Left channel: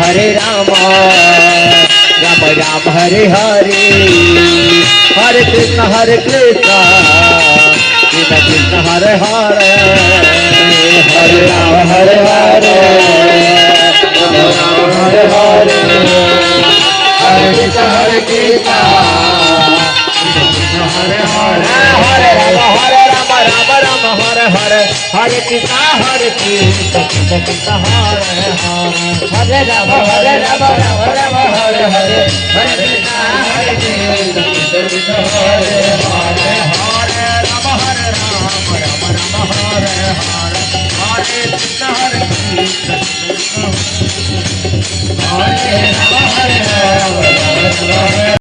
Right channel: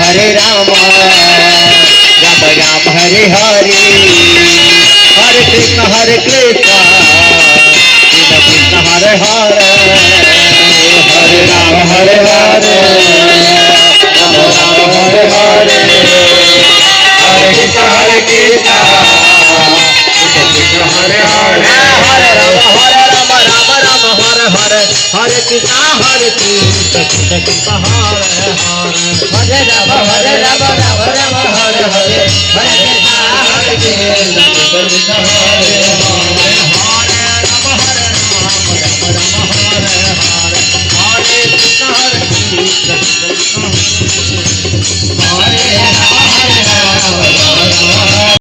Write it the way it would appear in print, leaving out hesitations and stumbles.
Hare Ram Ram Ram Hare Hare Hare Krishna Krishna Krishna Hare Hare Hare Ram Hare Hare Ram Ram Hare Hare Hare Krishna Krishna Krishna Hare Hare Hare Ram Ram Ram Hare Hare Hare Krishna Krishna Hare Hare Hare Ram Ram Ram Hare Hare Hare Krishna Krishna Hare Hare Hare Ram Hare Ram Hare Hare Hare Krishna Krishna Hare Hare